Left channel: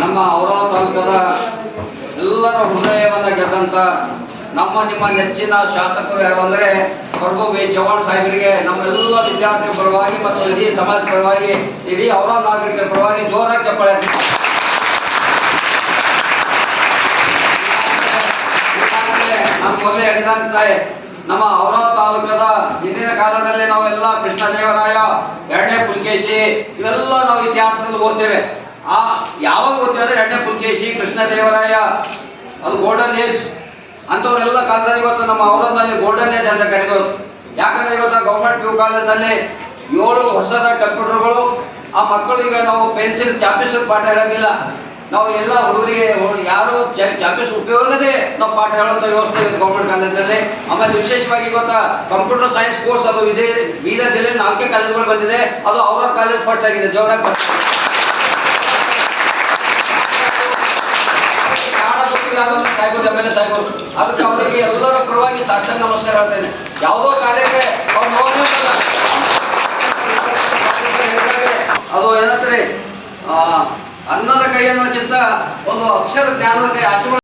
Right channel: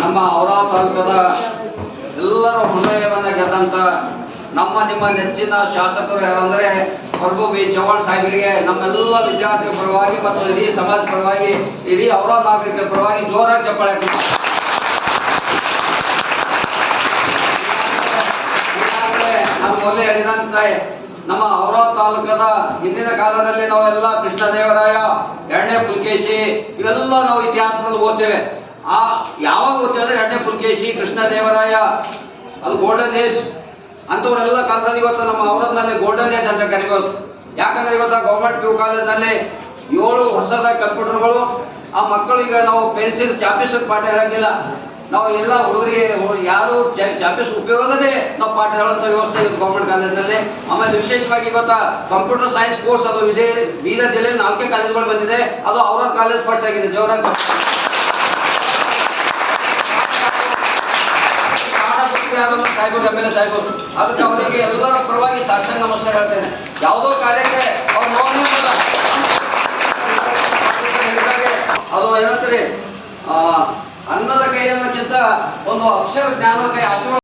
ನಮ್ಮ ಔರಾ ತಾಲೂಕದ ಎಲ್ಲರ ಹೃದಯವನ್ನು ಗೆದ್ದಂಥ ನಿಮ್ಮ ನೆಚ್ಚಿನ ಶಾಸಕರು ಯಾರು ಅಂದರೆ ಪ್ರಭು ಬಿ ಚವ್ಹಾಣ್ ಸಾಹೇಬರಿಗೆ ನಮ್ಮೆಲ್ಲ ವಿದ್ಯಾರ್ಥಿಗಳ ಪರವಾಗಿ ಮತ್ತು ಇಡೀ ಸಮಾಜ ಪರವಾಗಿ ಇಡೀ ಔರಾ ನಾಗರಿಕರ ಪರವಾಗಿ ಜೋರಾಗಿ ಚಪ್ಪಾಳೆ. ನಮ್ಮ ಮೊದಲೇ ಹೇಳಿದಂತೆ ನಮ್ಮ ಔರಾ ತಾಲೂಕದ ಹಿಂದಿನ ಕಾಲದಲ್ಲಿ ನಾವೆಲ್ಲ ಕೃಷ್ಣದೇವರಾಯ, ಎರಡನೇ ಪುಲಕೇಶಿ ಇವೆಲ್ಲ ನಾವು ಇತಿಹಾಸದಲ್ಲಿ ಓದ್ತೇವೆ. ಯಾವಾಗ ಓದ್ತೇವೆ ಅಂದರೆ ಎರಡನೇ ಪುಲಕೇಶಿ, ಕೃಷ್ಣದೇವರಾಯ, ಅದು ಗೋಲ್ಡನ್ ಏಜ್ ಅಂಥವರೆಲ್ಲ ಕಾಲದಲ್ಲಿ ಇವತ್ತು ನಮ್ಮ ಔರಾದಲ್ಲಿ ಗೋಲ್ಡನ್ ಏಜ್ ಅಂತ ಕರಿಬೋದು. ಯಾಕಂದರೆ ಇವತ್ತು ಗೌರ್ಮೆಂಟ್ PU ಕಾಲೇಜಿನಲ್ಲಿ 7 ಹೊಸದ ಕಂಪ್ಯೂಟರ್ಗಳು. ಆ ಮಕ್ಕಳು ಈಗ ನಾವು ಪೆನ್ಸಿಲ್ ಚಾಪಿಸ್ ಪಾಠ ಹೇಳೋಂಗಿಲ್ಲ. ನಾವು ಎಲ್ಲ ಹುಡುಗರಿಗೆ ಯಾರು ಚಾಪಿಸ್ ಉಪಯೋಗದೇ ನಾವು ಪಾಠ ಹೇಳುವಂಥ ವ್ಯವಸ್ಥೆ ಇವತ್ತು ಗೌರ್ಮೆಂಟ್ ಕಾಲೇಜಿನಲ್ಲಿ. ಆಮೇಲೆ ವಿಶೇಷವಾಗಿ ಇವತ್ತು ಕಂಪ್ಯೂಟರ್ ಸೈನ್ಸ್ ಕೋರ್ಸ್ ಅದು ಇದೆ. ಬೀದರ್ ಜಿಲ್ಲೆಯಲ್ಲಿ 4 ಕಾಲೇಜುಗಳು ಬಂದಿದೆ. ಅದು ಔರಾ ಕಾಲೇಜ್ ಫಸ್ಟ್ ಆಗಿದೆ, ಜೋರಾಗಿ ಸಾಹೇಬರು MLA ಸಾಹೇಬರು. ಅದಕ್ಕೆ ಅವರಿಗೆ ಎಲ್ಲರ ಪರವಾಗಿ ಸಾಷ್ಟಾಂಗ ನಮಸ್ಕಾರ ಹೇಳ್ತೇನೆ. ಯಾವುದೋ ಕಾರ್ಯಕ್ಕೆ ಅವ್ರು ನೋಡೋದಿಲ್ಲ. ಅದು ಏನಂತಾರೆ, ಅನ್ನದ ಕೈ ಅನ್ನೋದಕ್ಕಿಂತ ಒಂದು ಅಕ್ಷರ ಜ್ಞಾನದ ಕೈ ಆಶೀರ್ವಾದ